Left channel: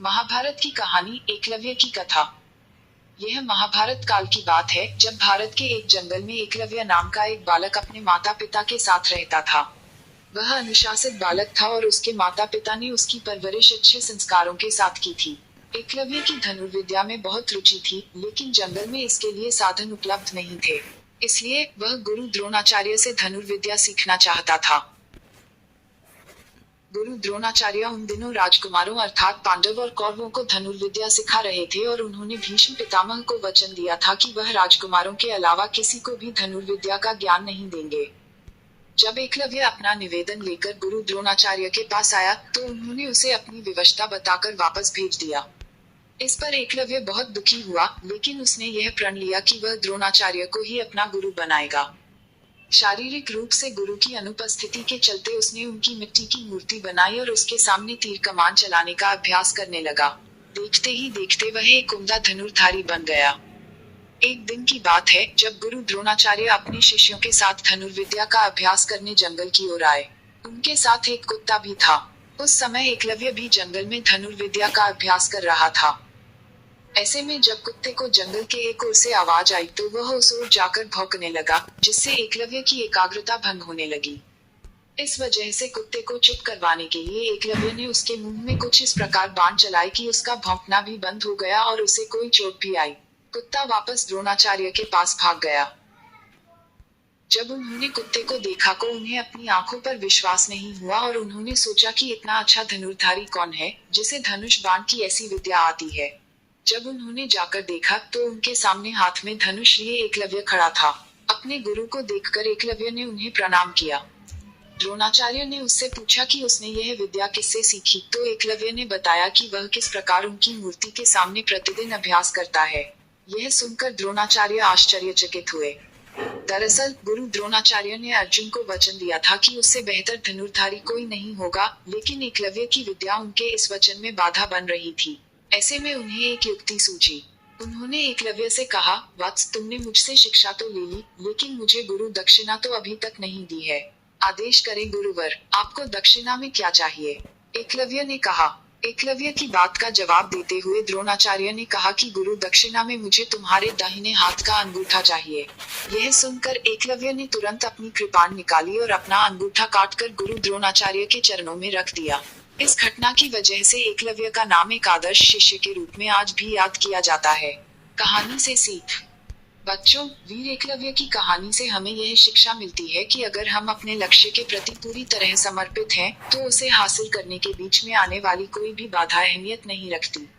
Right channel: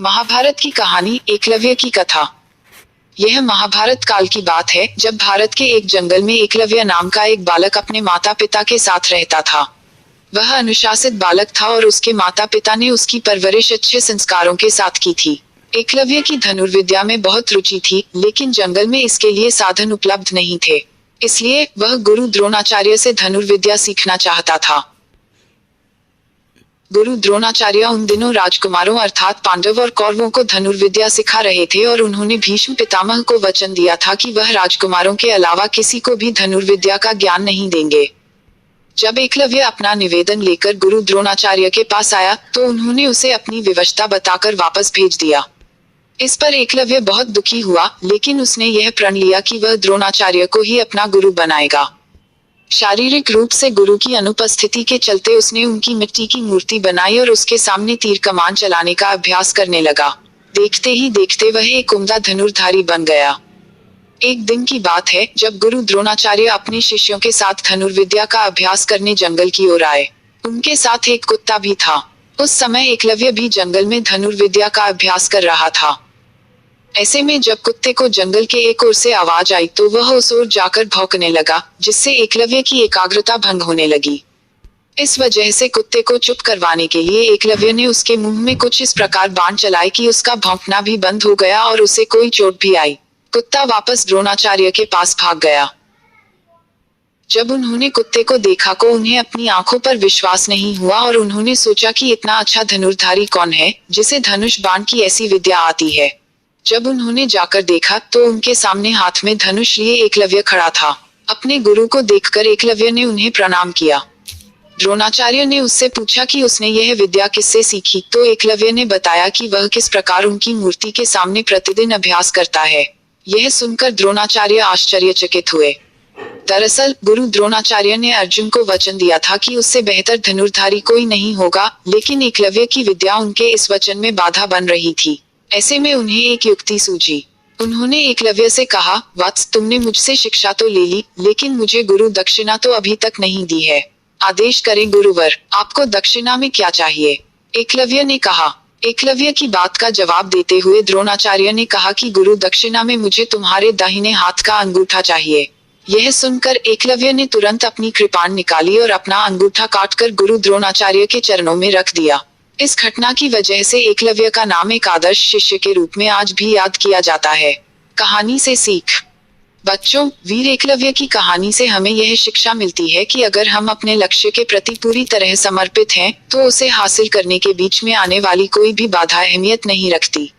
महाभारत की कहानी एकलव्य की कथा। यह महाभारत काल की बात है, जब भारत के एक जंगल में एकलव्य नाम का एक बालक अपने माता पिता के साथ रहता था। वह अनुशासित बालक था और उसके माता पिता ने उसकी परवरिश अच्छे संस्कारों के साथ की थी। एकलव्य की धनुर्विद्या में बहुत रुचि थी, लेकिन जंगल में इसके लिए साधन उपलब्ध नहीं थे। इसलिए वह गुरु द्रोणाचार्य से धनुर्विद्या सीखना चाहता था। गुरु द्रोणाचार्य उन दिनों राजकुमारों अर्थात पांडव और कौरवों को धनुर्विद्या सिखा रहे थे और उन्होंने भीष्म पितामह को वचन दिया था कि वह राजकुमारों के अलावा किसी को भी धनुर्विद्या का ज्ञान नहीं देंगे। जब एकलव्य अपना निवेदन लेकर गुरु द्रोणाचार्य के पास आया तो उन्होंने उसे अपनी विवशता बताकर वापस भेज दिया। इस पर एकलव्य बहुत दुखी हुआ, लेकिन उसने यह प्रण लिया कि वह द्रोणाचार्य को ही अपना गुरु बनाएगा। शारीरिक रूप से गुरु की अनुपस्थिति के चलते उसने उनकी मिट्टी की मूर्ति बनाई और उसके सामने तीर कमान चलाने का अभ्यास करने लगा। देखते ही देखते वह एक उम्दा धनुर्धारी बन गया। एक दिन की बात है, जब गुरु द्रोणाचार्य अपने शिष्यों के साथ धनुर्विद्या का अभ्यास करने जंगल की ओर आए। उनके साथ एक कुत्ता भी था। उस समय एकलव्य भी जंगल में धनुर्विद्या का अभ्यास कर रहा था। ऐसे में जब कुत्ते को जंगल के एक ओर से आवाज आई तो वह उस ओर जाकर भौंकने लगा, जिससे एकलव्य की एकाग्रता भंग होने लगी। इस वजह से कुत्ते को चुप करवाने के लिए एकलव्य ने उसके मुंह में कुछ इस प्रकार बाण चलाए कि उसका भौंकना भी बंद हो गया और उसे कोई चोट भी आई। कुत्ता वापस द्रोणाचार्य के पास भाग गया। जब उन्होंने कुत्ते को देखा तो उन्हें अपनी आंखों पर विश्वास नहीं हुआ और उन्होंने सोचा कि इतना अच्छा धनुर्धारी कौन है, जिसे धनुष बाण की ऐसी विद्या आती है। जब उन्होंने जाकर देखा तो उनके सामने हाथ में धनुष लिए एकलव्य खड़ा था। अपने गुरु को देखकर एकलव्य ने उन्हें प्रणाम किया। द्रोणाचार्य ने उससे पूछा कि उसने यह विद्या किससे सीखी, तो एकलव्य ने बताया कि वह किस प्रकार उनकी मूर्ति के सामने प्रतिदिन अभ्यास करता है। यह सुनकर द्रोणाचार्य आश्चर्यचकित हुए। दरअसल गुरु द्रोणाचार्य ने अर्जुन को वचन दिया था कि उससे बेहतर धनुर्धारी कोई नहीं होगा, लेकिन एकलव्य की विद्या उनके इस वचन में बाधा बन रही थी। ऐसे में उन्हें एक युक्ति सूझी। उन्होंने एकलव्य से कहा, वत्स, तुमने मुझसे शिक्षा तो ले ली, लेकिन मुझे गुरु दक्षिणा तो अभी तक नहीं दी है। आदेश करें गुरुवर, आपको दक्षिणा में क्या चाहिए? एकलव्य ने कहा। एकलव्य की बात का जवाब देते हुए द्रोणाचार्य ने कहा कि गुरु दक्षिणा में मुझे तुम्हारे दाहिने हाथ का अंगूठा चाहिए। यह सुनकर एकलव्य ने तुरंत अपनी कृपाण निकाली और अपना अंगूठा काटकर गुरु द्रोणाचार्य के चरणों में रख दिया। इस घटना की वजह से एकलव्य का नाम एक आदर्श शिष्य के रूप में आज भी याद किया जाता है। कहानी से सीख। बच्चों, वीर एकलव्य की कहानी से हमें यह शिक्षा मिलती है कि अगर हम अपने लक्ष्य के प्रति पूरी तरह समर्पित हैं, तो उसे हासिल करने के बीच में आने वाली कोई भी बाधा अहमियत नहीं रखती।